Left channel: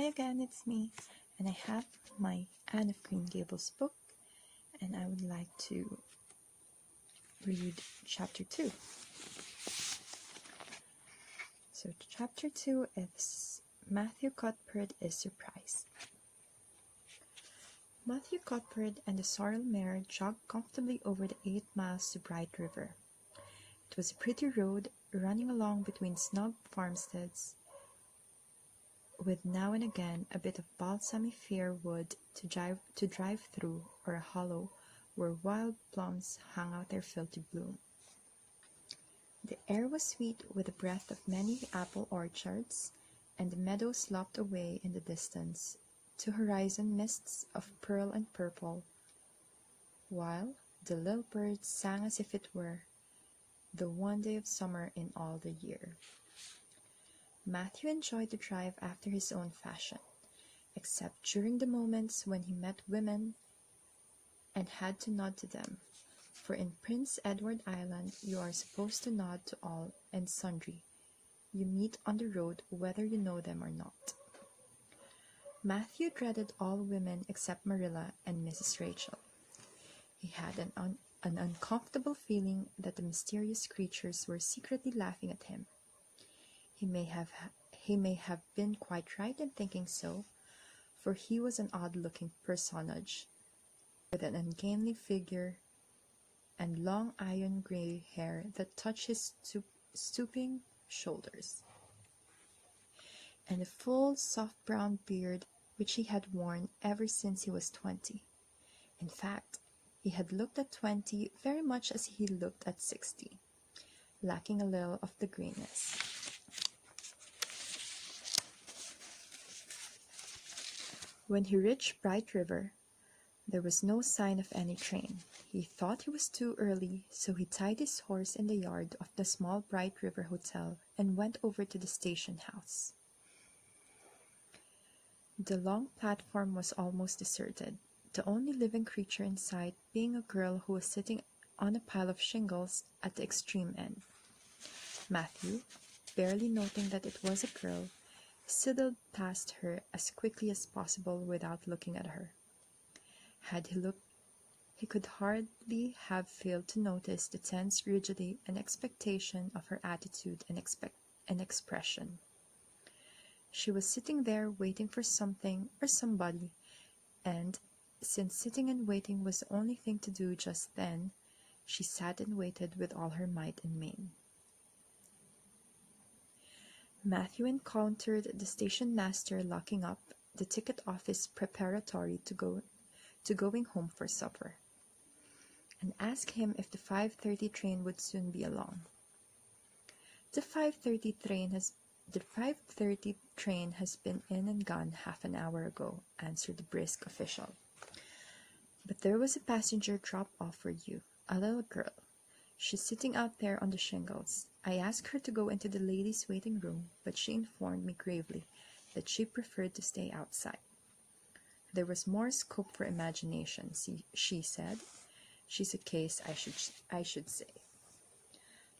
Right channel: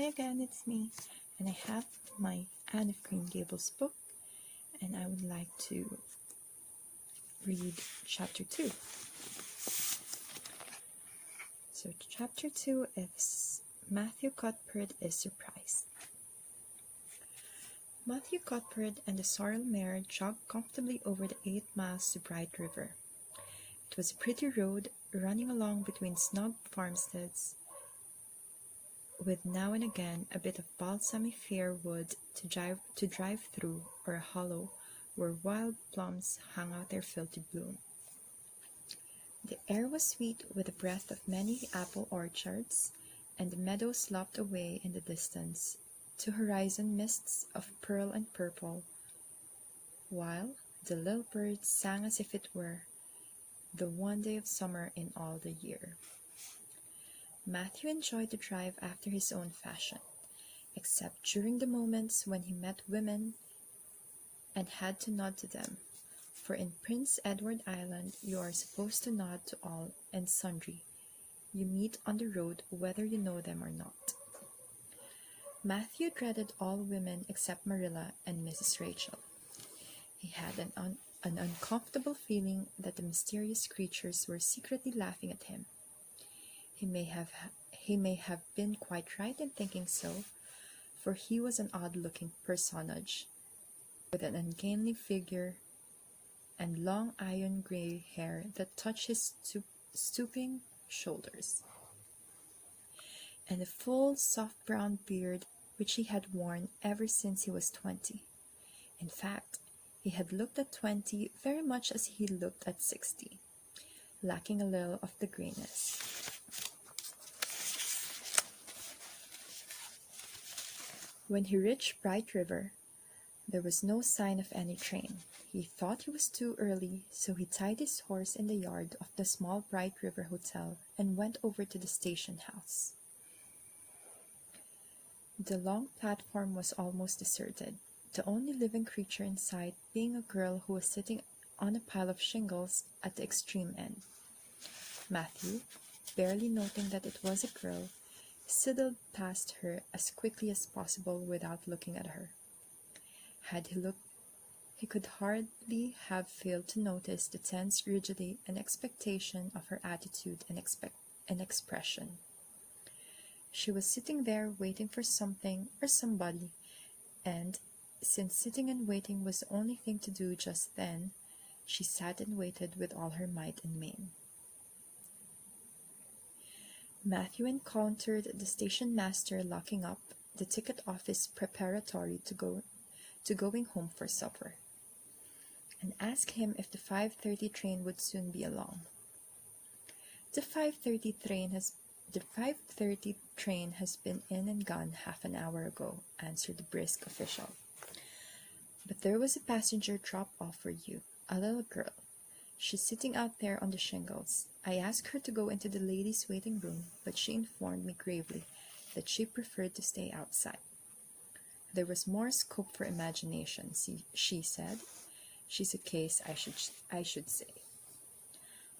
Hi again, it's me, and I have my Anne of Green Gables book, and I would like to read chapter 2. So chapter 2 is Matthew Cuthbert is Surprised. Matthew Cuthbert and the sorrel mare jogged comfortably over the 8 miles to Bright River. It was a pretty road running along between snug farmsteads, with now and again a bit of balsamy fair wood to drive through, or a hollow where wild plums hung out their filthy bloom. The air was sweet with the breath of many apple orchards, and the meadows lopped away in the distance to horizon mists of pearl and purple, while the little birds sang as if it were the one day of summer in all the year. Matthew enjoyed the drive after his own fashion, except during the moments when he met women and had to nod to them, for in Prince Edward Island you are supposed to nod to all and sundry you meet on the road, whether you know them or not. Matthew dreaded all women except Marilla and Mrs. Rachel. He had an uncomfortable feeling that the mysterious creatures were secretly laughing at him. He may have been quite right in thinking so, for he was an odd-looking personage, with an ungainly figure and long iron-gray hair that touched his stooping shoulders, and a full, soft brown beard which he had worn ever since he was 20. In fact, he had looked at 20 very much as he looked at 60, lacking a little of the greenness. When he reached Bright River, there was no sign of any train. He thought it was too early, so he tied his horse in the yard of the small Bright River Hotel and went over to the station house. The long platform was almost deserted, the only living creature in sight being a girl who was sitting on a pile of shingles at the extreme end. Matthew, barely noting that it was a girl, sidled past her as quickly as possible without looking at her. Had he looked, he could hardly have failed to notice the tense rigidity and expectation of her attitude and expression. She was sitting there waiting for something or somebody, and since sitting and waiting was the only thing to do just then, she sat and waited with all her might and main. Matthew encountered the station master locking up the ticket office preparatory to going home for supper, and asked him if the 5:30 train would soon be along. The 5:30 train has been in and gone half an hour ago," answered the brisk official. "But there was a passenger drop-off for you, a little girl. She's sitting out there on the shingles. I asked her to go into the ladies' waiting room, but she informed me gravely that she preferred to stay outside. There was more scope for imagination, she said. She's a case, I should say."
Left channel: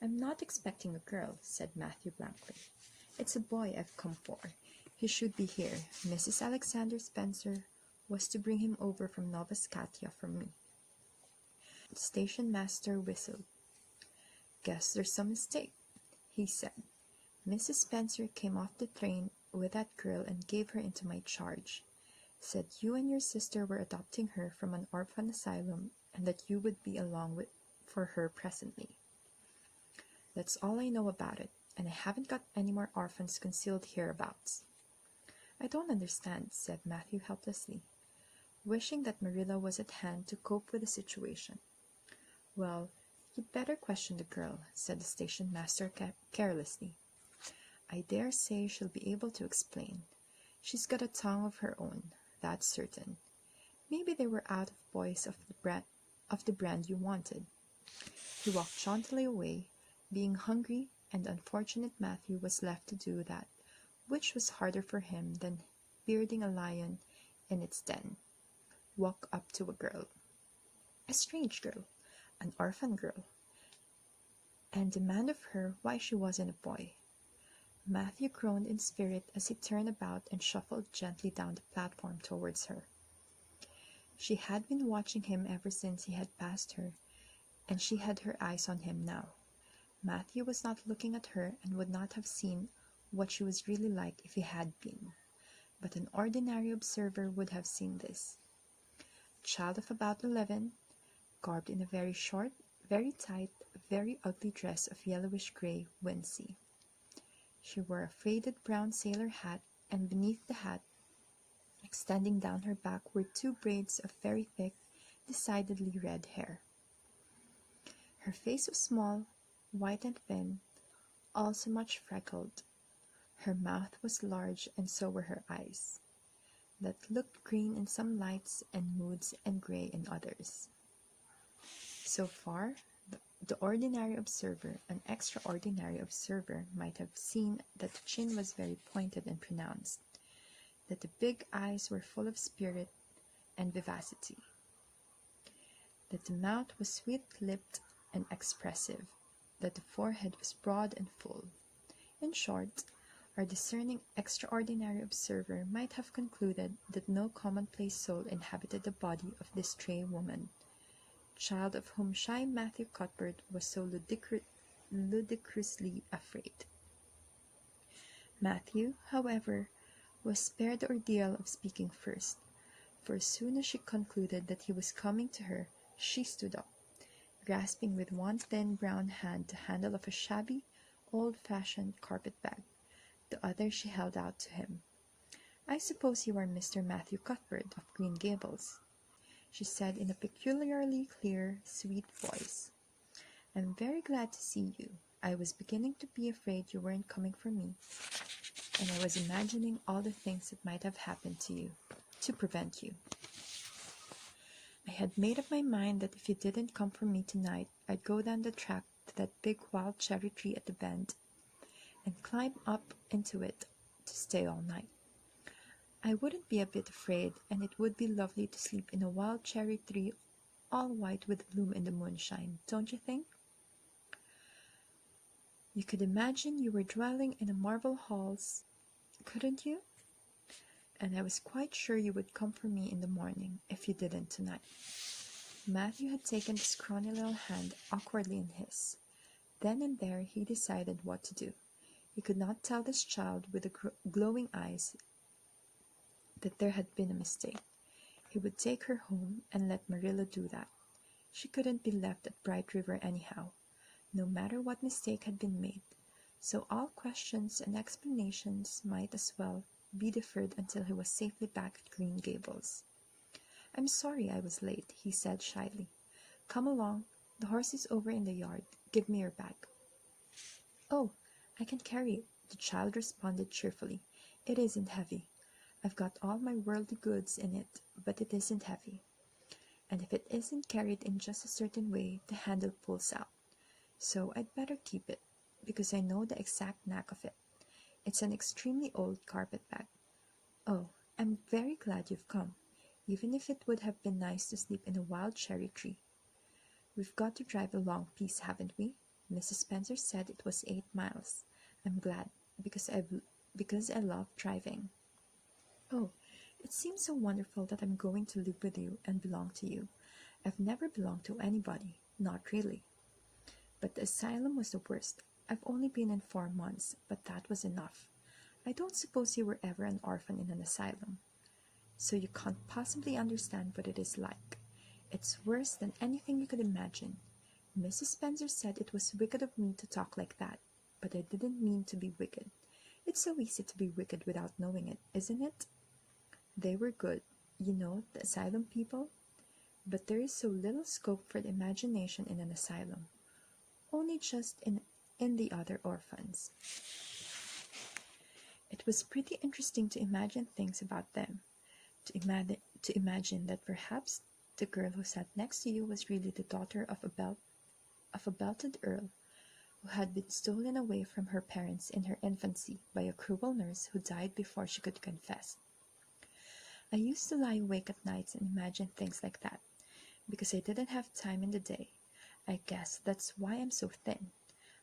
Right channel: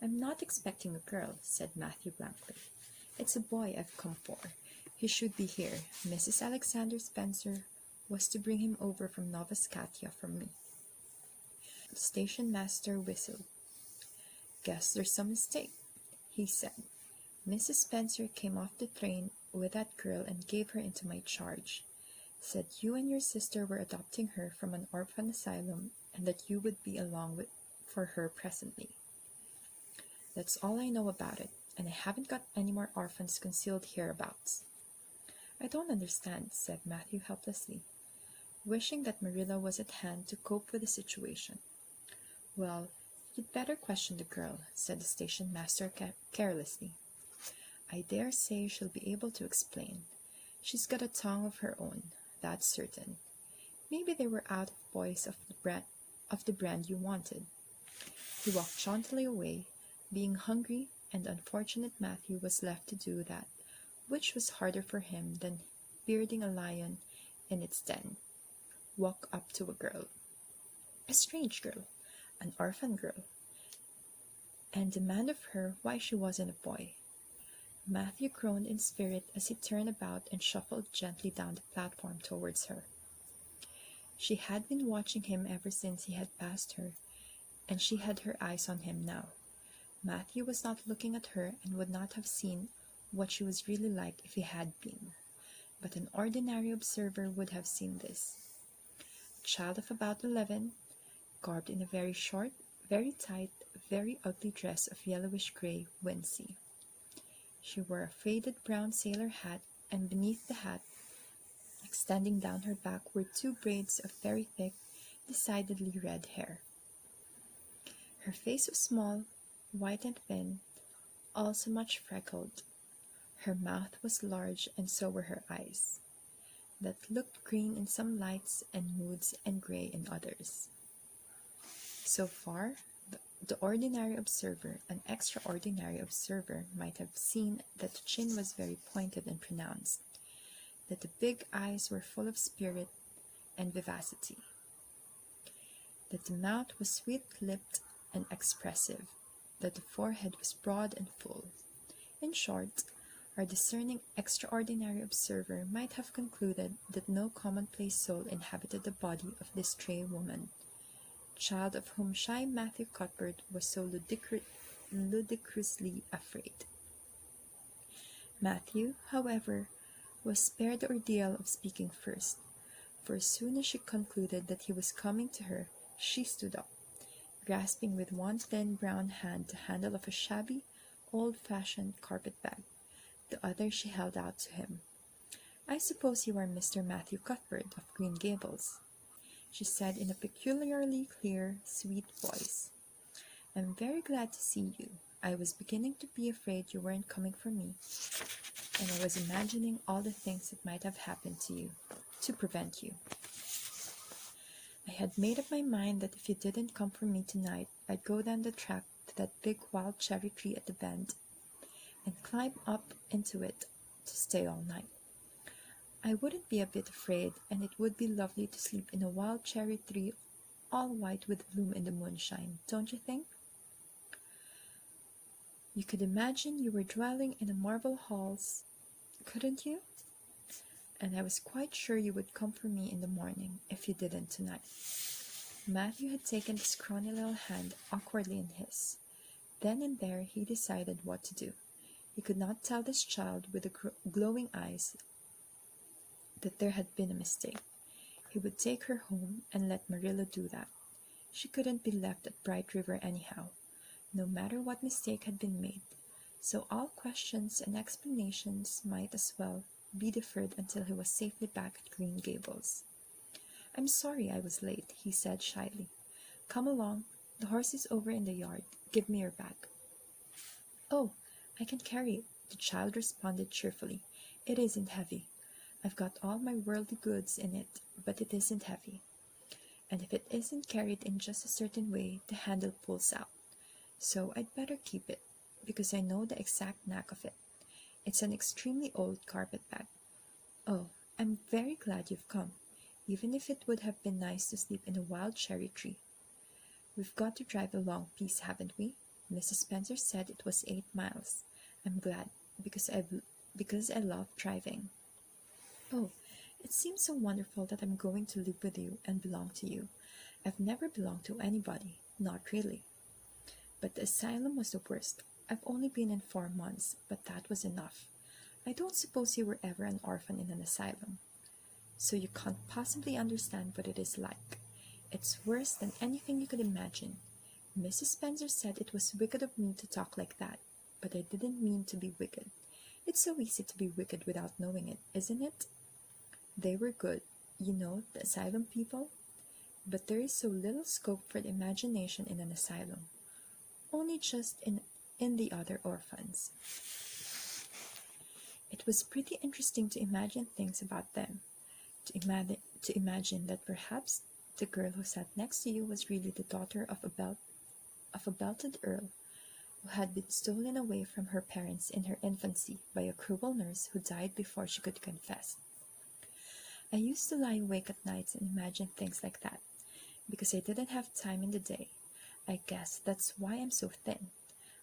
"I'm not expecting a girl," said Matthew blankly. "It's a boy I've come for. He should be here. Mrs. Alexander Spencer was to bring him over from Nova Scotia for me." The station master whistled. "Guess there's some mistake," he said. "Mrs. Spencer came off the train with that girl and gave her into my charge. Said you and your sister were adopting her from an orphan asylum and that you would be along for her presently. That's all I know about it, and I haven't got any more orphans concealed hereabouts." "I don't understand," said Matthew helplessly, wishing that Marilla was at hand to cope with the situation. "Well, you'd better question the girl," said the station master carelessly. "I dare say she'll be able to explain. She's got a tongue of her own, that's certain. Maybe they were out of boys of the brand you wanted." He walked jauntily away, being hungry, and unfortunate Matthew was left to do that, which was harder for him than bearding a lion in its den. Walk up to a girl. A strange girl, an orphan girl, and demand of her why she wasn't a boy. Matthew groaned in spirit as he turned about and shuffled gently down the platform towards her. She had been watching him ever since he had passed her, and she had her eyes on him now. Matthew was not looking at her and would not have seen what she was really like if he had been, but an ordinary observer would have seen this. A child of about 11, garbed in a very short, very tight, very ugly dress of yellowish gray wincey. She wore a faded brown sailor hat, and beneath the hat, extending down her back, were 2 braids of very thick, decidedly red hair. Her face was small, white and thin, also much freckled. Her mouth was large, and so were her eyes, that looked green in some lights and moods and gray in others. So far, the ordinary observer, an extraordinary observer, might have seen that the chin was very pointed and pronounced, that the big eyes were full of spirit and vivacity, that the mouth was sweet-lipped and expressive, that the forehead was broad and full. In short, our discerning extraordinary observer might have concluded that no commonplace soul inhabited the body of this stray woman, child of whom shy Matthew Cuthbert was so ludicrously afraid. Matthew, however, was spared the ordeal of speaking first, for as soon as she concluded that he was coming to her, she stood up, grasping with one thin brown hand the handle of a shabby, old-fashioned carpet-bag. The other she held out to him. "I suppose you are Mr. Matthew Cuthbert of Green Gables," she said in a peculiarly clear, sweet voice. "I'm very glad to see you. I was beginning to be afraid you weren't coming for me, and I was imagining all the things that might have happened to you, to prevent you. I had made up my mind that if you didn't come for me tonight, I'd go down the track to that big wild cherry tree at the bend, and climb up into it to stay all night. I wouldn't be a bit afraid, and it would be lovely to sleep in a wild cherry tree all white with bloom in the moonshine, don't you think? You could imagine you were dwelling in the marble halls, couldn't you? And I was quite sure you would come for me in the morning, if you didn't tonight." Matthew had taken his scrawny little hand awkwardly in his. Then and there he decided what to do. He could not tell this child with the glowing eyes that there had been a mistake. He would take her home and let Marilla do that. She couldn't be left at Bright River anyhow, no matter what mistake had been made, so all questions and explanations might as well be deferred until he was safely back at Green Gables. "I'm sorry I was late," he said shyly. "Come along. The horse is over in the yard. Give me your bag." "Oh, I can carry it," the child responded cheerfully. "It isn't heavy. I've got all my worldly goods in it, but it isn't heavy. And if it isn't carried in just a certain way, the handle pulls out. So I'd better keep it, because I know the exact knack of it. It's an extremely old carpet-bag. Oh, I'm very glad you've come, even if it would have been nice to sleep in a wild cherry tree. We've got to drive a long piece, haven't we? Mrs. Spencer said it was 8 miles. I'm glad, because I love driving. Oh, it seems so wonderful that I'm going to live with you and belong to you. I've never belonged to anybody, not really. But the asylum was the worst. I've only been in 4 months, but that was enough. I don't suppose you were ever an orphan in an asylum, so you can't possibly understand what it is like. It's worse than anything you could imagine. Mrs. Spencer said it was wicked of me to talk like that, but I didn't mean to be wicked. It's so easy to be wicked without knowing it, isn't it? They were good, you know, the asylum people. But there is so little scope for the imagination in an asylum. Only just in the other orphans. It was pretty interesting to imagine things about them, to imagine that perhaps the girl who sat next to you was really the daughter of a belted earl who had been stolen away from her parents in her infancy by a cruel nurse who died before she could confess. I used to lie awake at nights and imagine things like that, because I didn't have time in the day. I guess that's why I'm so thin.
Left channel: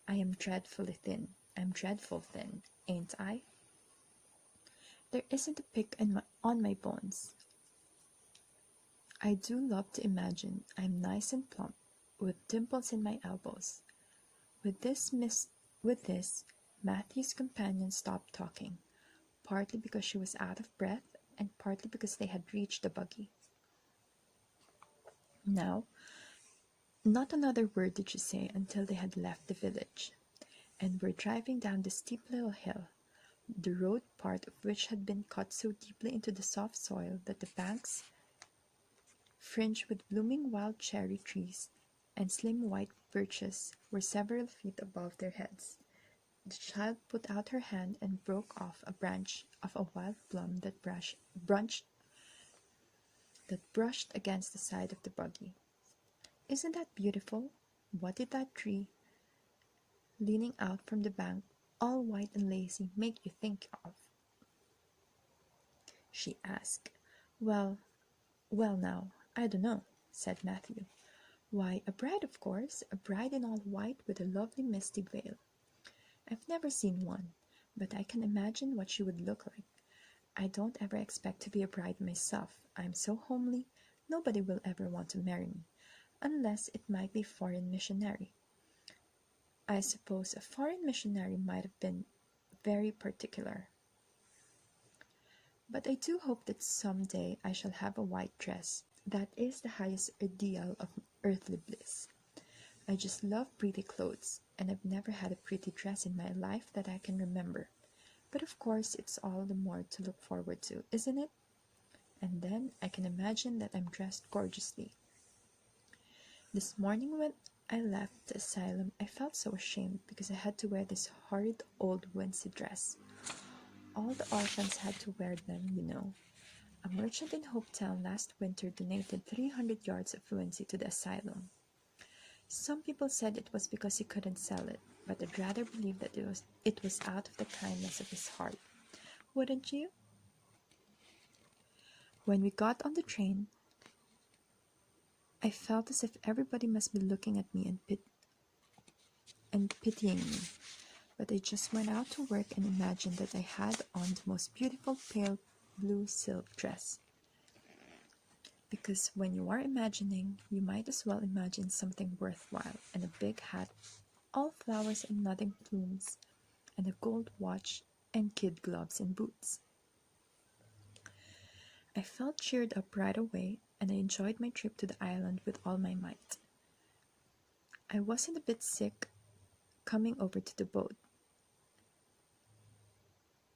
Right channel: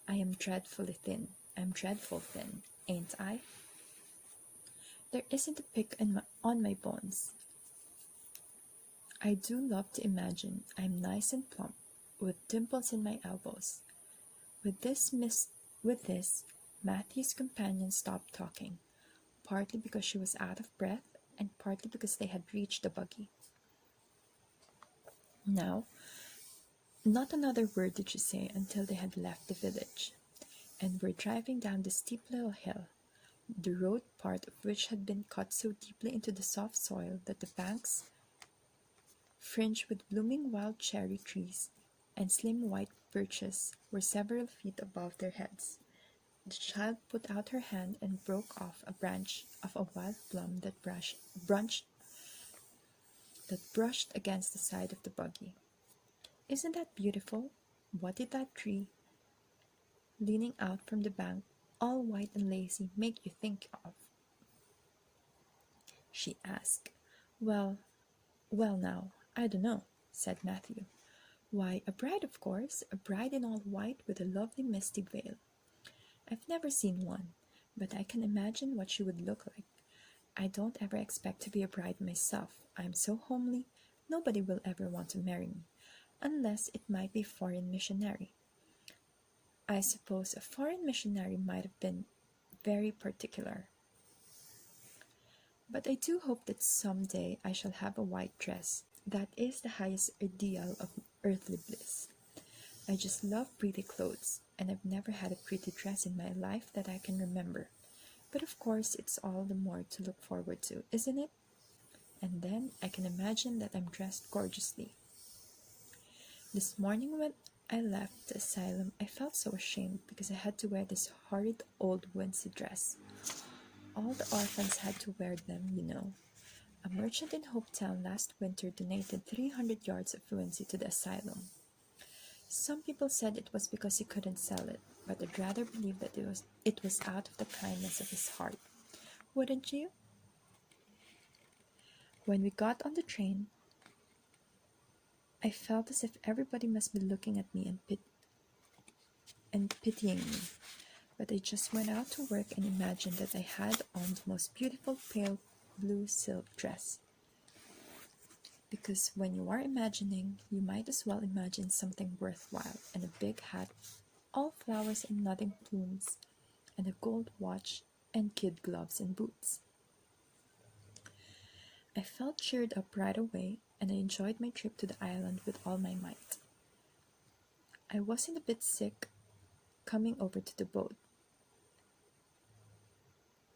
I am dreadfully thin. I'm dreadful thin. ain't I? There isn't a pick on my bones. I do love to imagine I'm nice and plump, with dimples in my elbows. With this, Matthew's companion stopped talking, partly because she was out of breath, and partly because they had reached the buggy. Now, not another word did she say until they had left the village, and were driving down the steep little hill, the road part of which had been cut so deeply into the soft soil that the banks, fringed with blooming wild cherry trees and slim white birches, were several feet above their heads. The child put out her hand and broke off a branch of a wild plum that brushed against the side of the buggy. "Isn't that beautiful? What did that tree, leaning out from the bank, all white and lazy, make you think of?" she asked. "Well, well now, I don't know," said Matthew. "Why, a bride, of course, a bride in all white with a lovely misty veil. I've never seen one, but I can imagine what she would look like. I don't ever expect to be a bride myself. I'm so homely, nobody will ever want to marry me, unless it might be a foreign missionary. I suppose a foreign missionary might have been very particular. But I do hope that some day I shall have a white dress. That is the highest ideal of earthly bliss. I just love pretty clothes, and I've never had a pretty dress in my life that I can remember. But of course, it's all the more to look forward to, isn't it? And then I can imagine that I'm dressed gorgeously. This morning when I left the asylum, I felt so ashamed because I had to wear this horrid old wincey dress. All the orphans had to wear them, you know. A merchant in Hopetown last winter donated 300 yards of wincey to the asylum. Some people said it was because he couldn't sell it, but I'd rather believe that it was out of the kindness of his heart. Wouldn't you? When we got on the train, I felt as if everybody must be looking at me and pitying me. But I just went out to work and imagined that I had on the most beautiful pale blue silk dress. Because when you are imagining, you might as well imagine something worthwhile, and a big hat, all flowers and nothing plumes, and a gold watch, and kid gloves and boots. I felt cheered up right away, and I enjoyed my trip to the island with all my might. I wasn't a bit sick coming over to the boat.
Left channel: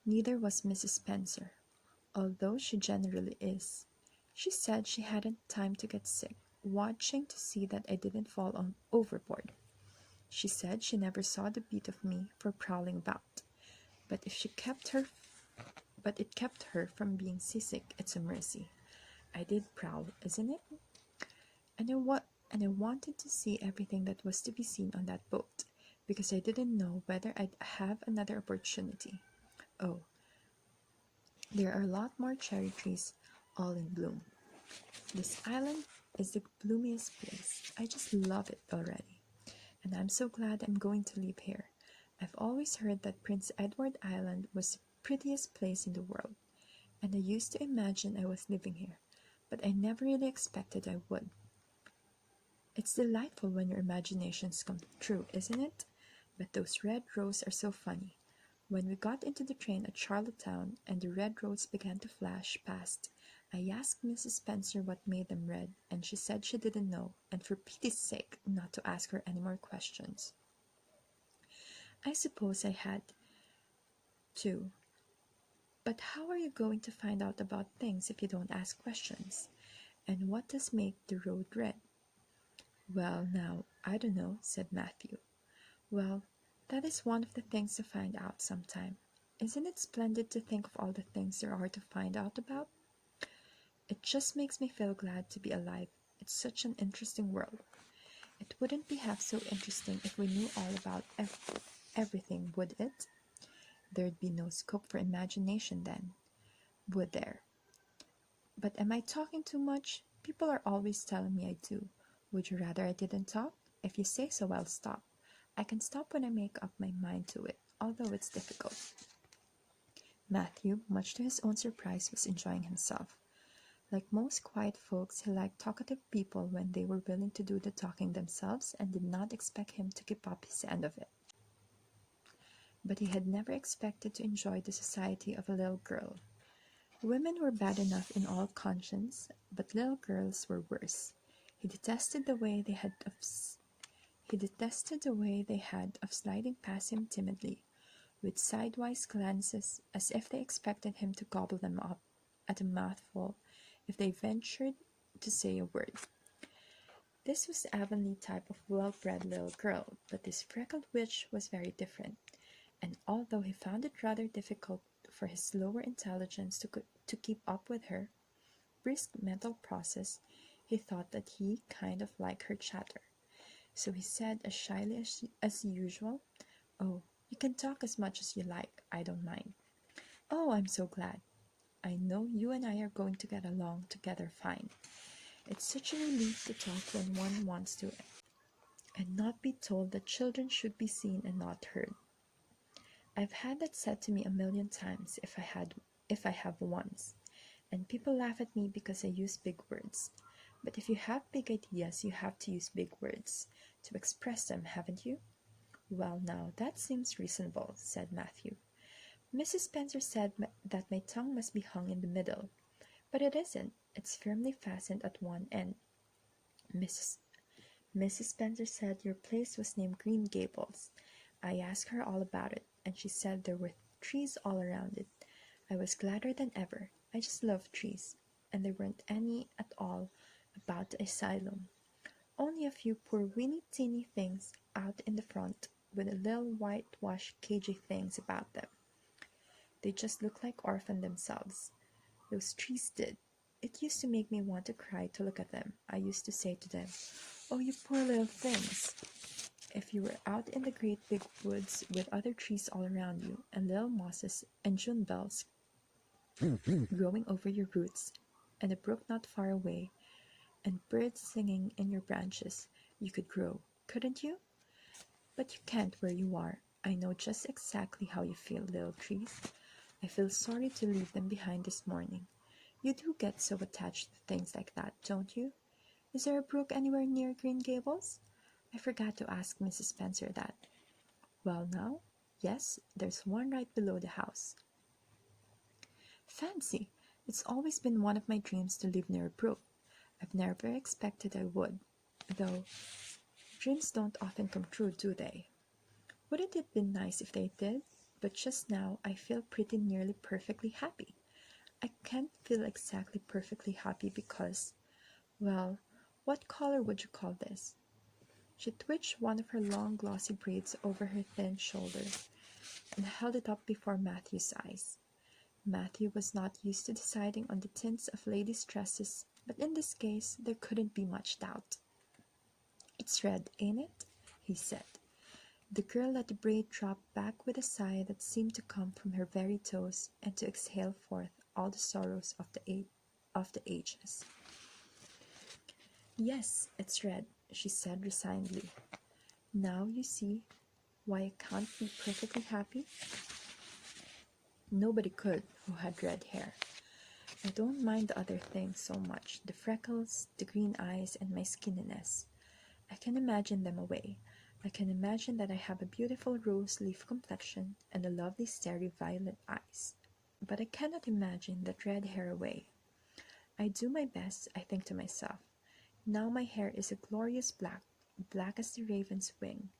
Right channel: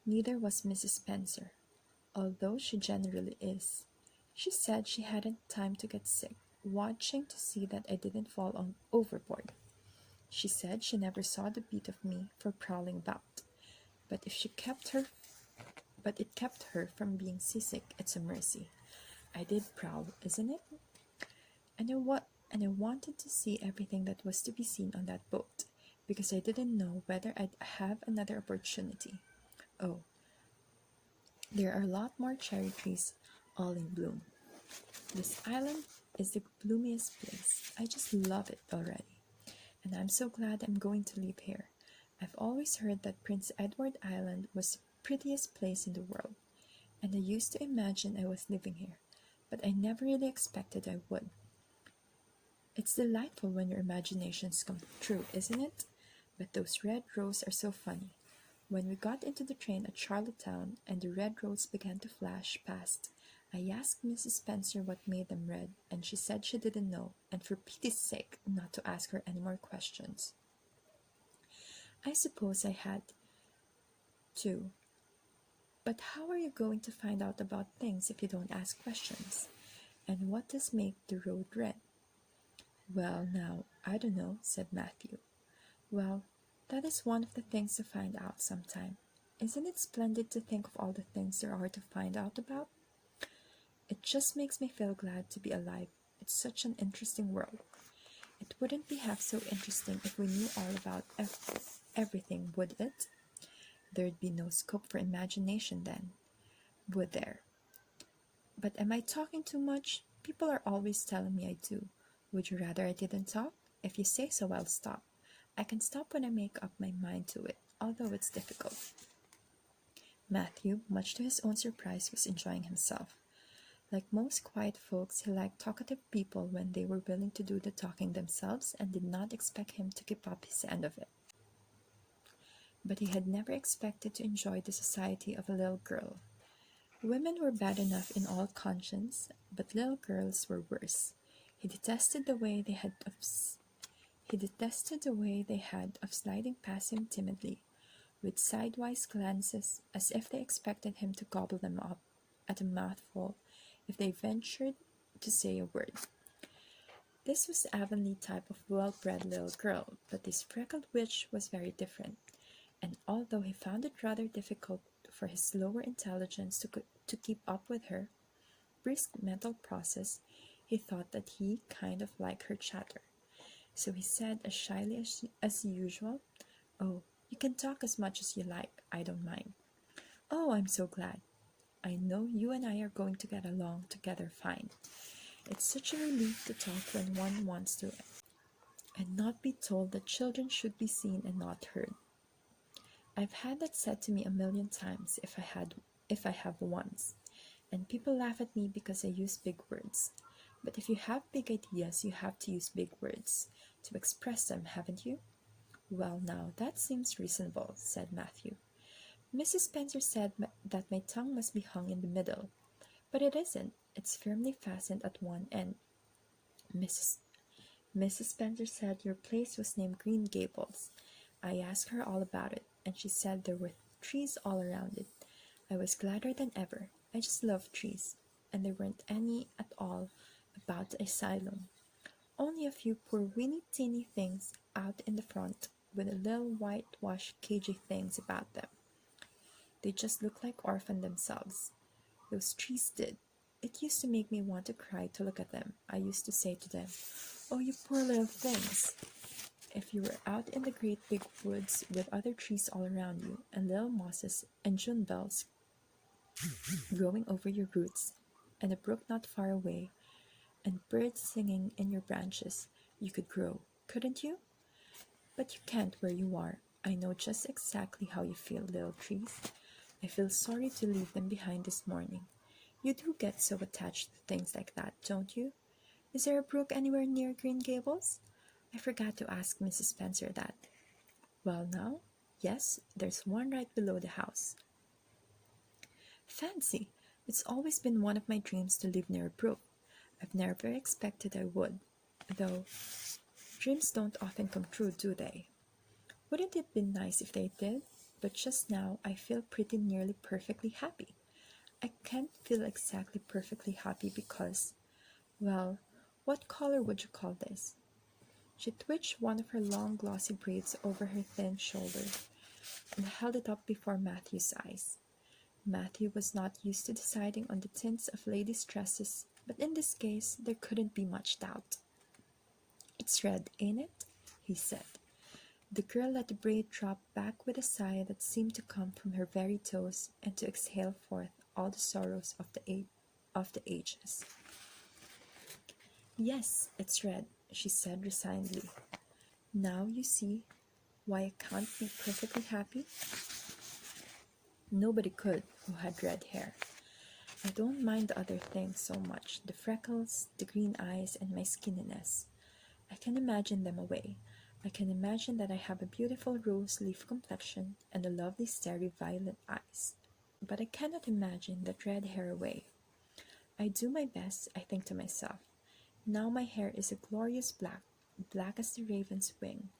Neither was Mrs. Spencer, although she generally is. She said she hadn't time to get sick, watching to see that I didn't fall overboard. She said she never saw the beat of me for prowling about, but it kept her from being seasick. It's a mercy. I did prowl, isn't it? And I wanted to see everything that was to be seen on that boat, because I didn't know whether I'd have another opportunity. Oh, there are a lot more cherry trees, all in bloom. This island is the bloomiest place. I just love it already. And I'm so glad I'm going to live here. I've always heard that Prince Edward Island was the prettiest place in the world, and I used to imagine I was living here, but I never really expected I would. It's delightful when your imaginations come true, isn't it? But those red roses are so funny. When we got into the train at Charlottetown and the red roses began to flash past, I asked Mrs. Spencer what made them red, and she said she didn't know, and for pity's sake not to ask her any more questions. I suppose I had to. But how are you going to find out about things if you don't ask questions? And what does make the road red? Well, now, I don't know, said Matthew. Well, that is one of the things to find out sometime. Isn't it splendid to think of all the things there are to find out about? It just makes me feel glad to be alive. It's such an interesting world. It wouldn't be half so interesting if we knew all about everything, would it? There'd be no scope for imagination then, would there? But am I talking too much? People are always telling me I do. Would you rather I didn't talk? If you say so, I'll stop. I can stop when I make up my mind to it, although it's difficult. Matthew, much to his own surprise, was enjoying himself. Like most quiet folks, he liked talkative people when they were willing to do the talking themselves and did not expect him to keep up his end of it. But he had never expected to enjoy the society of a little girl. Women were bad enough in all conscience, but little girls were worse. He detested the way they had of sliding past him timidly, with sidewise glances as if they expected him to gobble them up at a mouthful if they ventured to say a word. This was the Avonlea type of well-bred little girl, but this freckled witch was very different, and although he found it rather difficult for his lower intelligence to keep up with her brisk mental process, he thought that he kind of liked her chatter. So he said as shyly as usual, "Oh, you can talk as much as you like, I don't mind." "Oh, I'm so glad. I know you and I are going to get along together fine. It's such a relief to talk when one wants to, and not be told that children should be seen and not heard. I've had that said to me a million times if I have once, and people laugh at me because I use big words. But if you have big ideas, you have to use big words to express them, haven't you?" "Well, now, that seems reasonable," said Matthew. "Mrs. Spencer said that my tongue must be hung in the middle, but it isn't. It's firmly fastened at one end. Mrs. Spencer said your place was named Green Gables. I asked her all about it, and she said there were trees all around it. I was gladder than ever. I just love trees, and there weren't any at all about the asylum. Only a few poor weeny teeny things out in the front with a little whitewashed cagey things about them. They just looked like orphans themselves. Those trees did. It used to make me want to cry to look at them. I used to say to them, 'Oh, you poor little things.' If you were out in the great big woods with other trees all around you, and little mosses and June bells growing over your roots, and a brook not far away, and birds singing in your branches, you could grow, couldn't you? But you can't where you are. I know just exactly how you feel, little trees. I feel sorry to leave them behind this morning. You do get so attached to things like that, don't you? Is there a brook anywhere near Green Gables? I forgot to ask Mrs. Spencer that." "Well, now, yes, there's one right below the house." "Fancy! It's always been one of my dreams to live near a brook. I've never expected I would, though dreams don't often come true, do they? Wouldn't it be nice if they did? But just now I feel pretty nearly perfectly happy. I can't feel exactly perfectly happy because, well, what color would you call this?" She twitched one of her long glossy braids over her thin shoulder and held it up before Matthew's eyes. Matthew was not used to deciding on the tints of ladies' dresses, but in this case there couldn't be much doubt. "It's red, ain't it?" he said. The girl let the braid drop back with a sigh that seemed to come from her very toes and to exhale forth all the sorrows of the ages. "Yes, it's red," she said resignedly. "Now you see why I can't be perfectly happy." Nobody could who had red hair. "I don't mind the other things so much, the freckles, the green eyes, and my skinniness. I can imagine them away. I can imagine that I have a beautiful rose leaf complexion and a lovely starry violet eyes. But I cannot imagine that red hair away. I do my best, I think to myself. Now my hair is a glorious black, black as the raven's wing,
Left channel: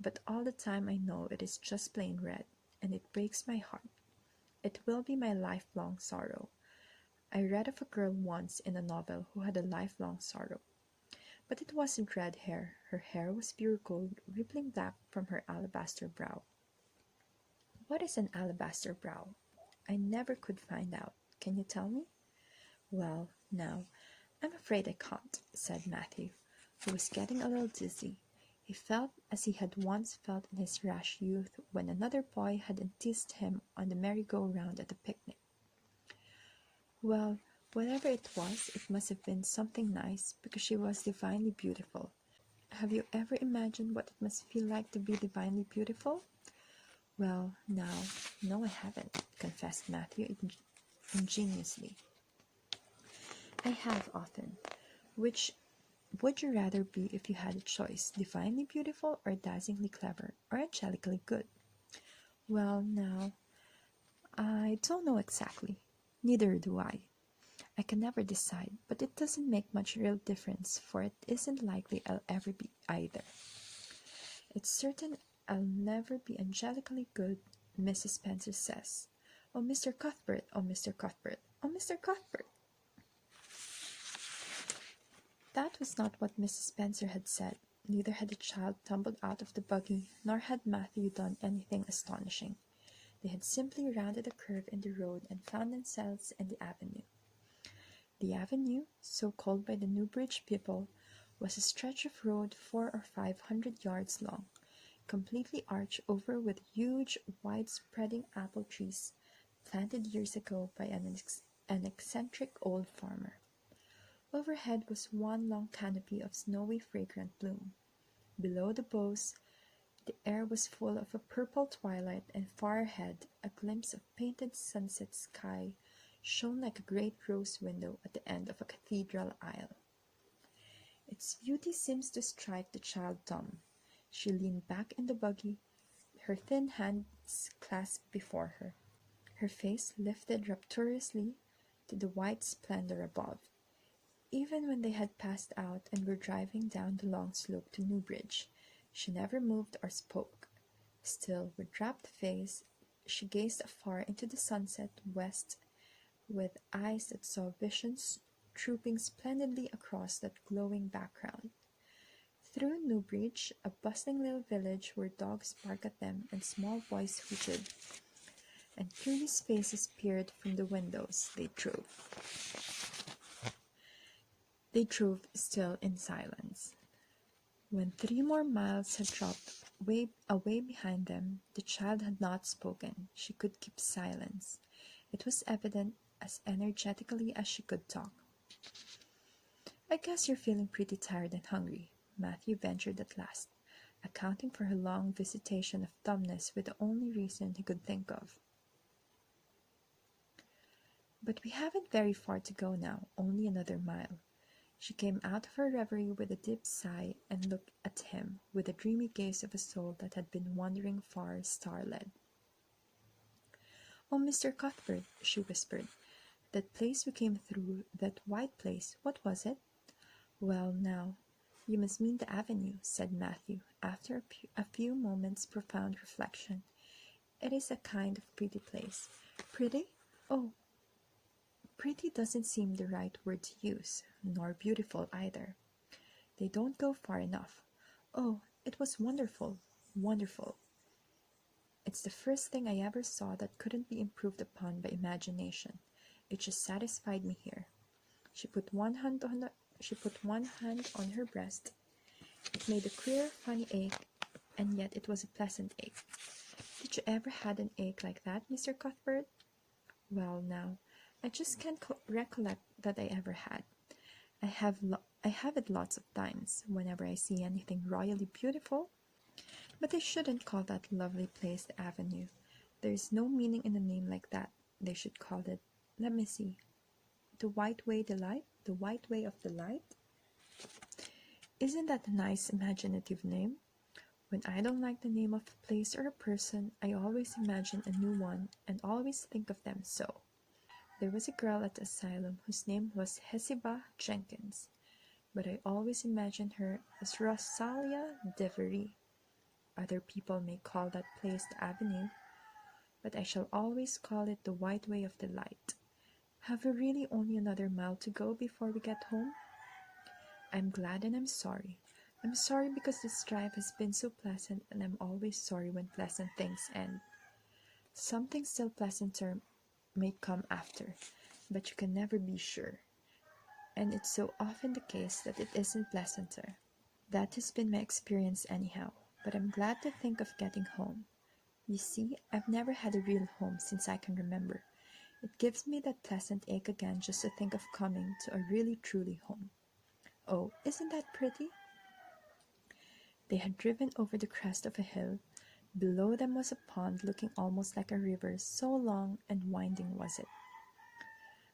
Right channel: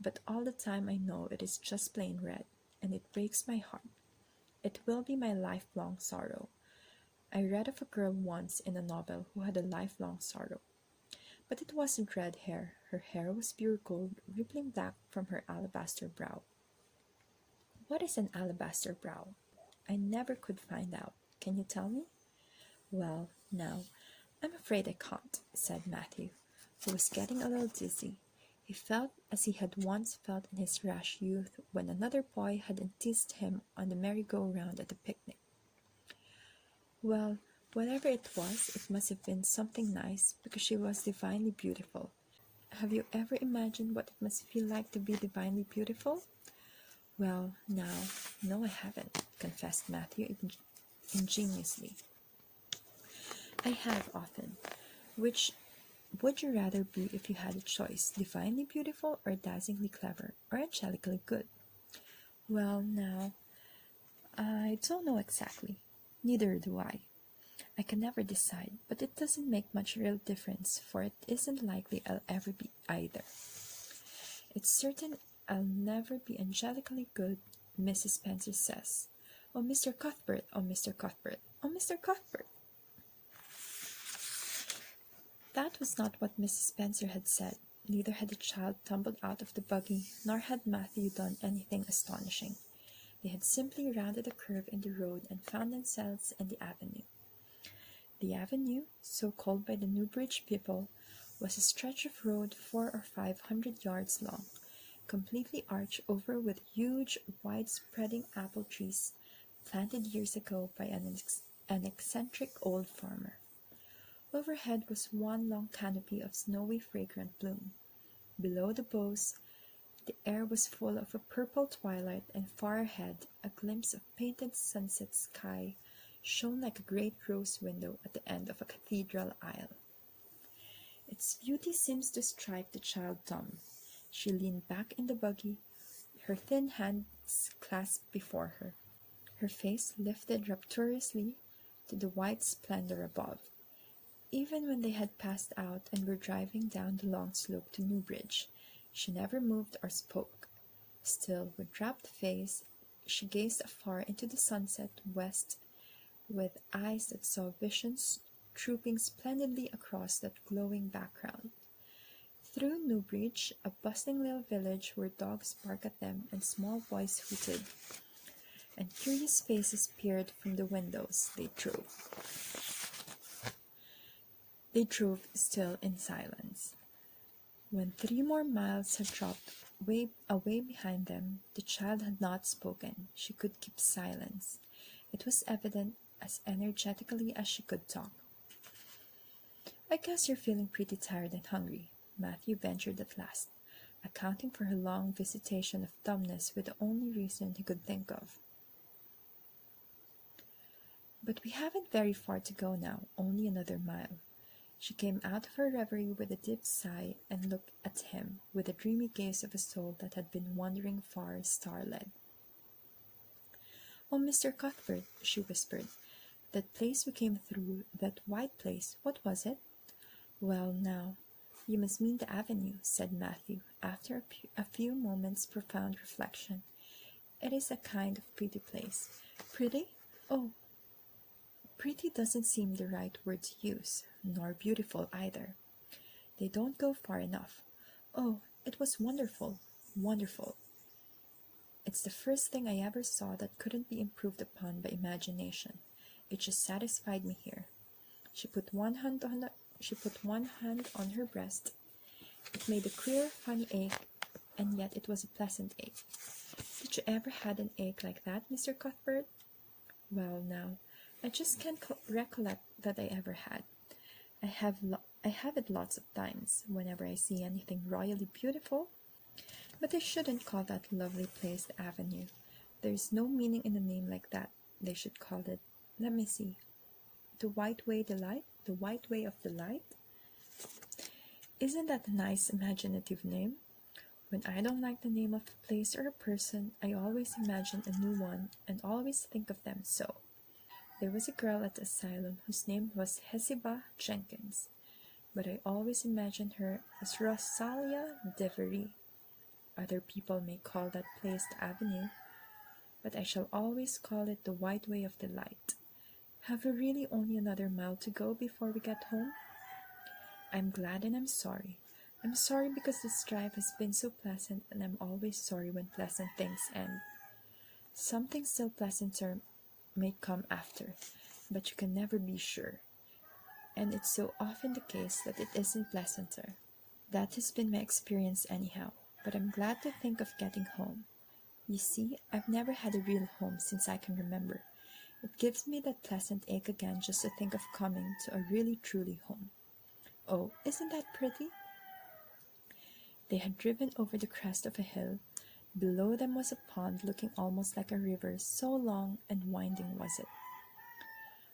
but all the time I know it is just plain red, and it breaks my heart. It will be my lifelong sorrow. I read of a girl once in a novel who had a lifelong sorrow. But it wasn't red hair. Her hair was pure gold, rippling black from her alabaster brow." "What is an alabaster brow?" "I never could find out. Can you tell me?" "Well, now, I'm afraid I can't," said Matthew, who was getting a little dizzy. He felt as he had once felt in his rash youth when another boy had teased him on the merry-go-round at a picnic. "Well, whatever it was, it must have been something nice, because she was divinely beautiful. Have you ever imagined what it must feel like to be divinely beautiful?" "Well, now, no, I haven't. confessed Matthew ingenuously. I have often. Which would you rather be if you had a choice, divinely beautiful or dazzlingly clever or angelically good? Well, now, I don't know exactly. Neither do I. I can never decide, but it doesn't make much real difference, for it isn't likely I'll ever be either. It's certain I'll never be angelically good, Mrs. Spencer says. Oh, Mr. Cuthbert, oh, Mr. Cuthbert, oh, Mr. Cuthbert. That was not what Mrs. Spencer had said. Neither had the child tumbled out of the buggy, nor had Matthew done anything astonishing. They had simply rounded a curve in the road and found themselves in the avenue. The avenue, so called by the Newbridge people, was a stretch of road 400 or 500 yards long, completely arched over with huge, wide-spreading apple trees planted years ago by an eccentric old farmer. Overhead was one long canopy of snowy, fragrant bloom. Below the boughs, the air was full of a purple twilight, and far ahead, a glimpse of painted sunset sky shone like a great rose window at the end of a cathedral aisle. Its beauty seems to strike the child dumb. She leaned back in the buggy, her thin hands clasped before her, her face lifted rapturously to the white splendor above. Even when they had passed out and were driving down the long slope to Newbridge, she never moved or spoke. Still, with rapt face, she gazed afar into the sunset west with eyes that saw visions trooping splendidly across that glowing background. Through Newbridge, a bustling little village where dogs barked at them and small boys hooted, and curious faces peered from the windows. They drove still in silence. When 3 more miles had dropped away behind them, the child had not spoken. She could keep silence. It was evident, as energetically as she could talk. I guess you're feeling pretty tired and hungry, Matthew ventured at last, accounting for her long visitation of dumbness with the only reason he could think of. But we haven't very far to go now, only another mile. She came out of her reverie with a deep sigh and looked at him with the dreamy gaze of a soul that had been wandering far, star-led. Oh, Mr. Cuthbert, she whispered, that place we came through, that white place, what was it? Well, now, you must mean the avenue, said Matthew, after a few moments' profound reflection. It is a kind of pretty place. Pretty? Oh, pretty doesn't seem the right word to use, nor beautiful either. They don't go far enough. Oh, it was wonderful, wonderful. It's the first thing I ever saw that couldn't be improved upon by imagination. It just satisfied me here. She put one hand on her breast. It made a queer, funny ache, and yet it was a pleasant ache. Did you ever had an ache like that, Mr. Cuthbert? Well, now, I just can't recollect that I ever had. I have it lots of times, whenever I see anything royally beautiful. But I shouldn't call that lovely place the Avenue. There is no meaning in a name like that. They should call it, let me see, the White Way Delight? The White Way of Delight? Isn't that a nice imaginative name? When I don't like the name of a place or a person, I always imagine a new one and always think of them so. There was a girl at the asylum whose name was Hezekiah Jenkins, but I always imagined her as Rosalia Devery. Other people may call that place the Avenue, but I shall always call it the White Way of Delight. Have we really only another mile to go before we get home? I'm glad and I'm sorry. I'm sorry because this drive has been so pleasant, and I'm always sorry when pleasant things end. Something still pleasanter may come after, but you can never be sure. And it's so often the case that it isn't pleasanter. That has been my experience anyhow, but I'm glad to think of getting home. You see, I've never had a real home since I can remember. It gives me that pleasant ache again just to think of coming to a really truly home. Oh, isn't that pretty? They had driven over the crest of a hill. Below them was a pond looking almost like a river, so long and winding was it.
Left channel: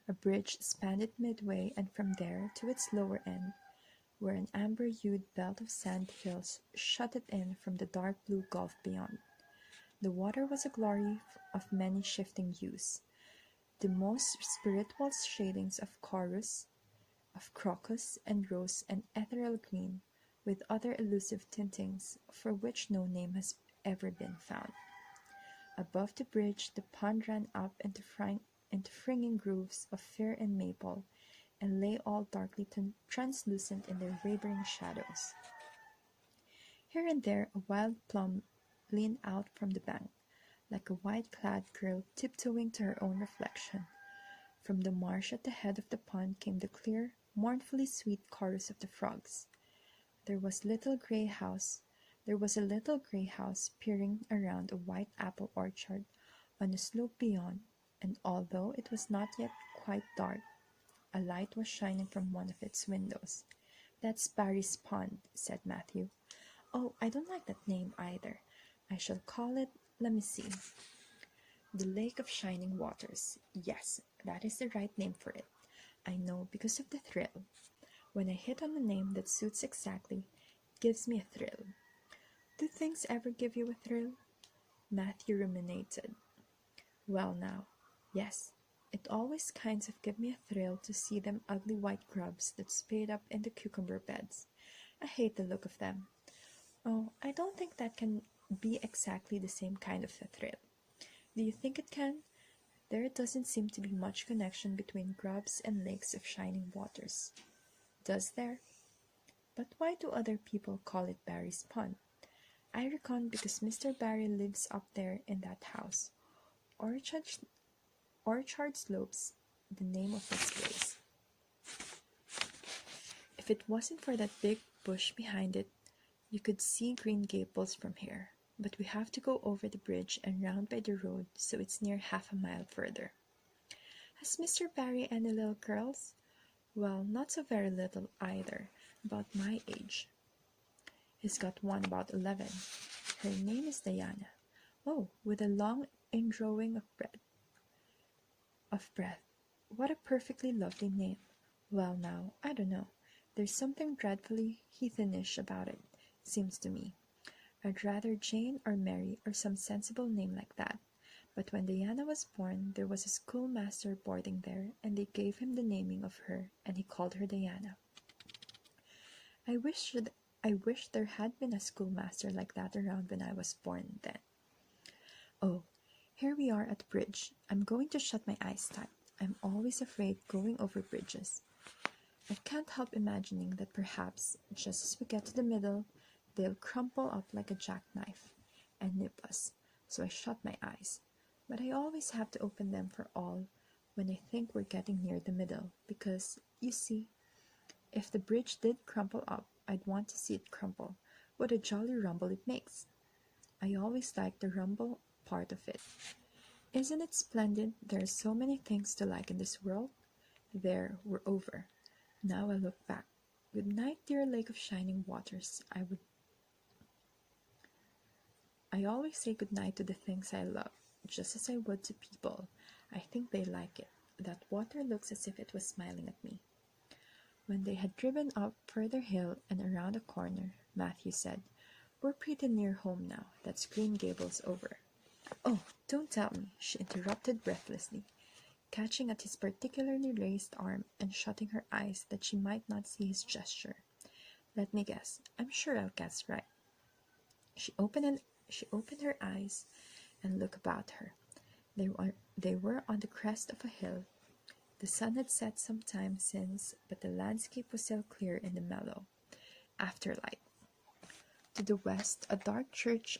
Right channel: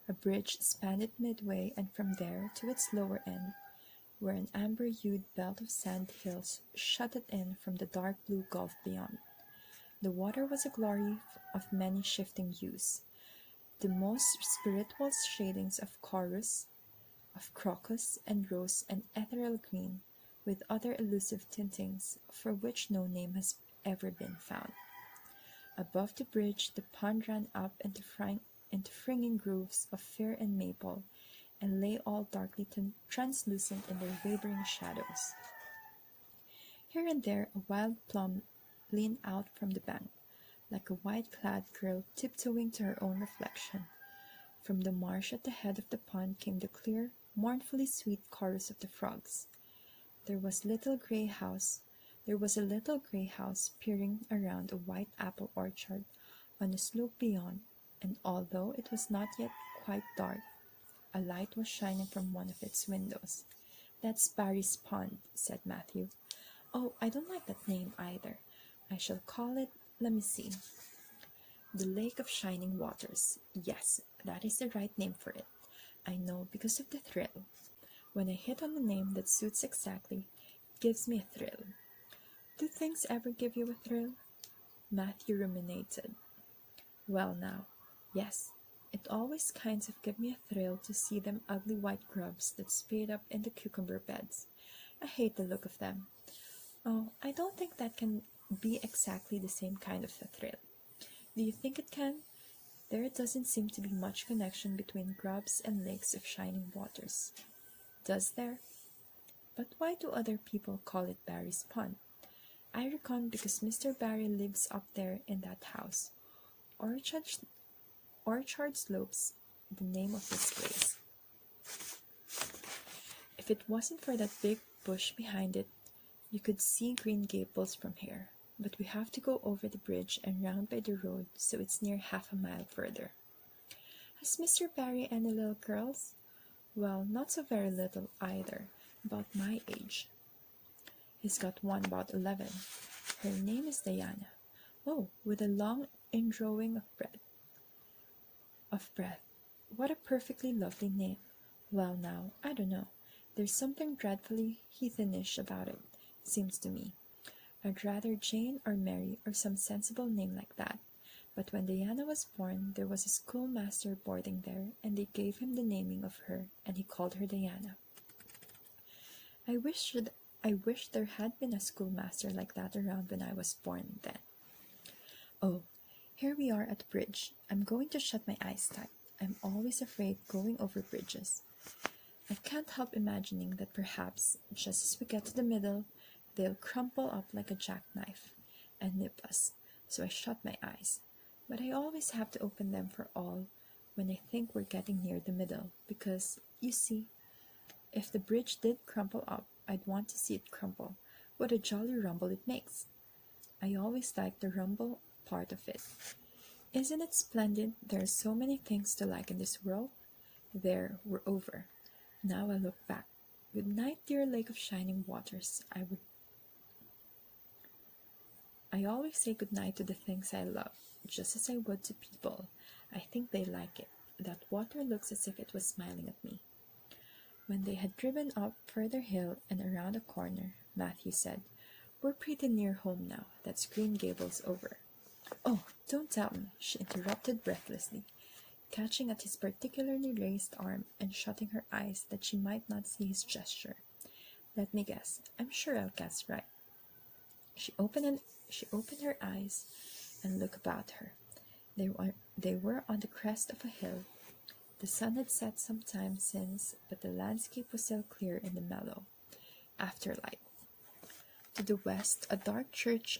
A bridge spanned it midway, and from there to its lower end, where an amber-hued belt of sand hills shut it in from the dark blue gulf beyond. The water was a glory of many shifting hues, the most spiritual shadings of crocus and rose and ethereal green, with other elusive tintings for which no name has ever been found. Above the bridge the pond ran up into fringing groves of fir and maple, and lay all darkly translucent in their wavering shadows. Here and there a wild plum leaned out from the bank, like a white-clad girl tiptoeing to her own reflection. From the marsh at the head of the pond came the clear, mournfully sweet chorus of the frogs. There was a little gray house peering around a white apple orchard on the slope beyond, and although it was not yet quite dark, a light was shining from one of its windows. "That's Barry's Pond," said Matthew. "Oh, I don't like that name either. I shall call it, let me see, the Lake of Shining Waters. Yes, that is the right name for it. I know, because of the thrill. When I hit on a name that suits exactly, it gives me a thrill." "Do things ever give you a thrill?" Matthew ruminated. "Well now, yes. It always kinds of give me a thrill to see them ugly white grubs that spade up in the cucumber beds. I hate the look of them." "Oh, I don't think that can be exactly the same kind of a thrill." "Do you think it can? There doesn't seem to be much connection between grubs and lakes of shining waters." "Does there? But why do other people call it Barry's Pond?" "I reckon because Mr. Barry lives up there in that house. Orchard Slopes, the name of this place. If it wasn't for that big bush behind it, you could see Green Gables from here. But we have to go over the bridge and round by the road, so it's near half a mile further." "Has Mr. Barry any little girls?" "Well, not so very little either, about my age. He's got one about 11. Her name is Diana. Oh, with a long indrawing of breath. What a perfectly lovely name. Well now, I don't know. There's something dreadfully heathenish about it, seems to me. I'd rather Jane or Mary or some sensible name like that. But when Diana was born, there was a schoolmaster boarding there, and they gave him the naming of her, and he called her Diana. I wish there had been a schoolmaster like that around when I was born then. Oh, here we are at the bridge. I'm going to shut my eyes tight. I'm always afraid going over bridges. I can't help imagining that perhaps, just as we get to the middle, they'll crumple up like a jackknife and nip us, so I shut my eyes. But I always have to open them for all when I think we're getting near the middle, because, you see, if the bridge did crumple up, I'd want to see it crumple. What a jolly rumble it makes. I always like the rumble part of it. Isn't it splendid? There are so many things to like in this world. There, we're over. Now I look back. Good night, dear Lake of Shining Waters. I always say good night to the things I love, just as I would to people. I think they like it. That water looks as if it was smiling at me. When they had driven up further hill and around a corner, Matthew said, "We're pretty near home now. That's Green Gables over." "Oh, don't tell me," she interrupted breathlessly, catching at his particularly raised arm and shutting her eyes that she might not see his gesture. "Let me guess. I'm sure I'll guess right." She opened her eyes and looked about her. They were on the crest of a hill. The sun had set some time since, but the landscape was still clear in the mellow afterlight. To the west, a dark church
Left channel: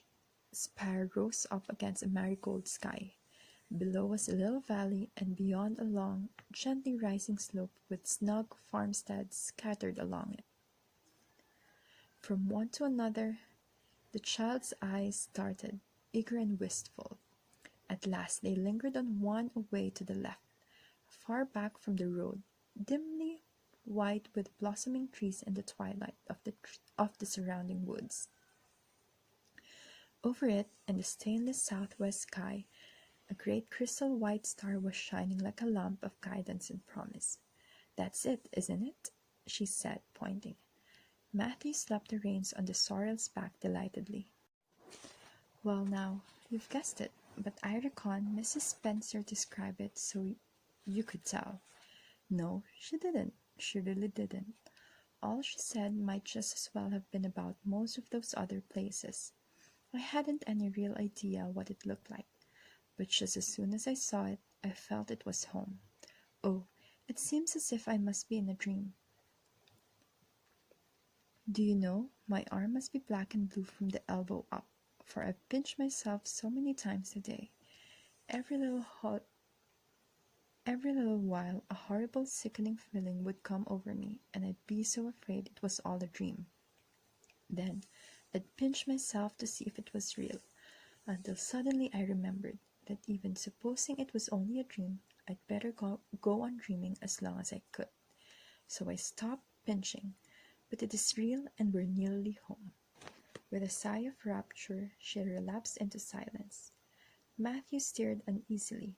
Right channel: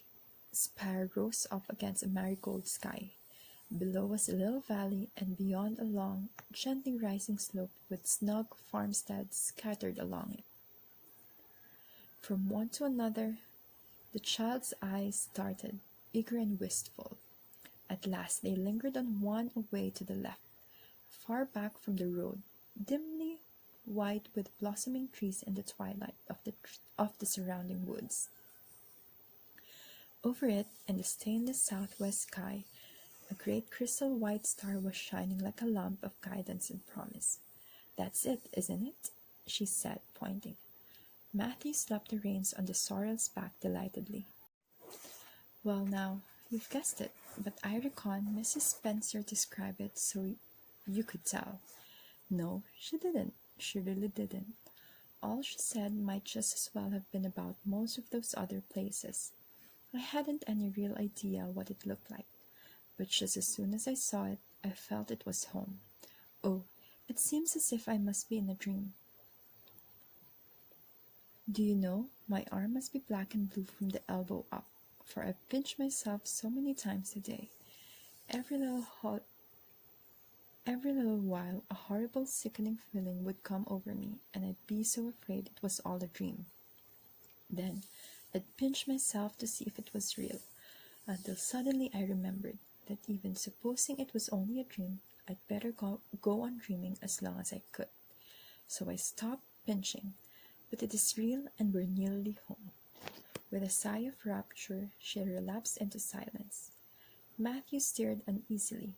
spire rose up against a marigold sky. Below was a little valley, and beyond a long, gently rising slope with snug farmsteads scattered along it. From one to another, the child's eyes darted, eager and wistful. At last they lingered on one away to the left, far back from the road, dimly white with blossoming trees in the twilight of the surrounding woods. Over it, in the stainless southwest sky, a great crystal white star was shining like a lamp of guidance and promise. "That's it, isn't it?" she said, pointing. Matthew slapped the reins on the sorrel's back delightedly. "Well now, you've guessed it, but I reckon Mrs. Spencer described it so you could tell." "No, she didn't. She really didn't. All she said might just as well have been about most of those other places. I hadn't any real idea what it looked like, but just as soon as I saw it, I felt it was home. Oh, it seems as if I must be in a dream. Do you know, my arm must be black and blue from the elbow up, for I've pinched myself so many times today. Every little while, a horrible, sickening feeling would come over me, and I'd be so afraid it was all a dream. Then I'd pinch myself to see if it was real, until suddenly I remembered that even supposing it was only a dream, I'd better go on dreaming as long as I could. So I stopped pinching, but it is real and we're nearly home." With a sigh of rapture, she relapsed into silence. Matthew stirred uneasily.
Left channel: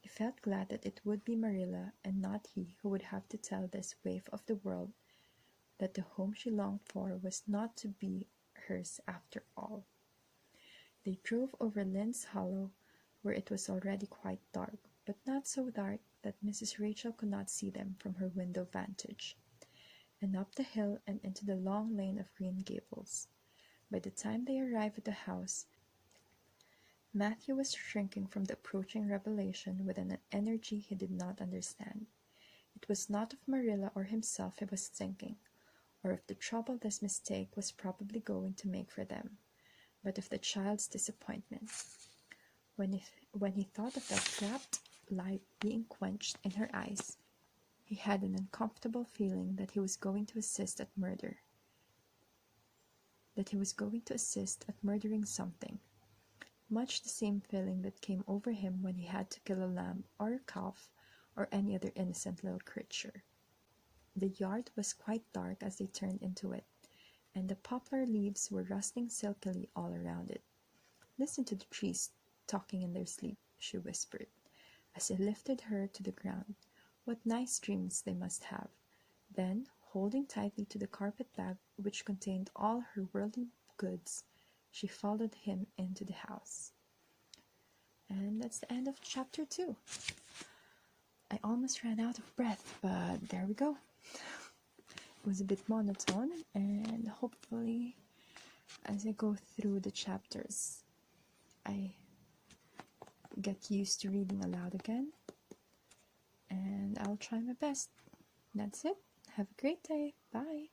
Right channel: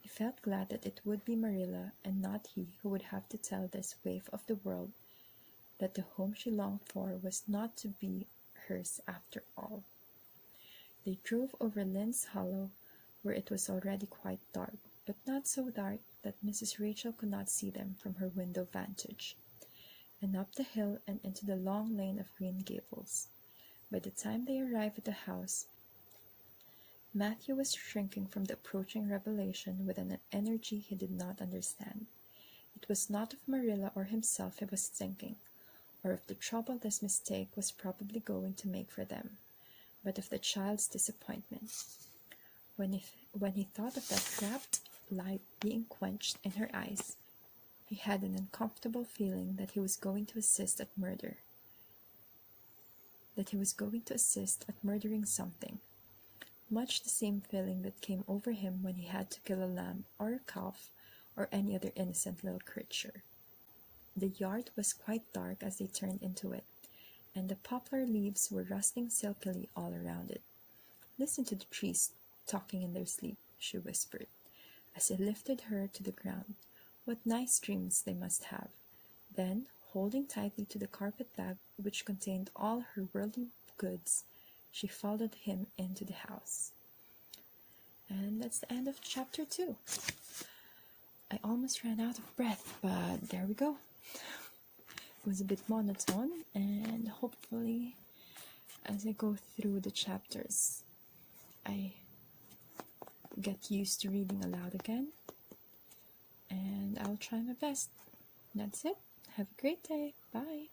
He felt glad that it would be Marilla and not he who would have to tell this waif of the world that the home she longed for was not to be hers after all. They drove over Lynn's Hollow, where it was already quite dark, but not so dark that Mrs. Rachel could not see them from her window vantage, and up the hill and into the long lane of Green Gables. By the time they arrived at the house, Matthew was shrinking from the approaching revelation with an energy he did not understand. It was not of Marilla or himself he was thinking, or of the trouble this mistake was probably going to make for them, but of the child's disappointment. When he thought of that rapt light being quenched in her eyes, he had an uncomfortable feeling that he was going to assist at murdering something, much the same feeling that came over him when he had to kill a lamb or a calf or any other innocent little creature. The yard was quite dark as they turned into it, and the poplar leaves were rustling silkily all around it. "Listen to the trees talking in their sleep," she whispered, as he lifted her to the ground. "What nice dreams they must have." Then, holding tightly to the carpet bag which contained all her worldly goods, she followed him into the house. And that's the end of chapter 2. I almost ran out of breath, but there we go. It was a bit monotone, and hopefully as I go through the chapters, I get used to reading aloud again, and I'll try my best. That's it. Have a great day. Bye.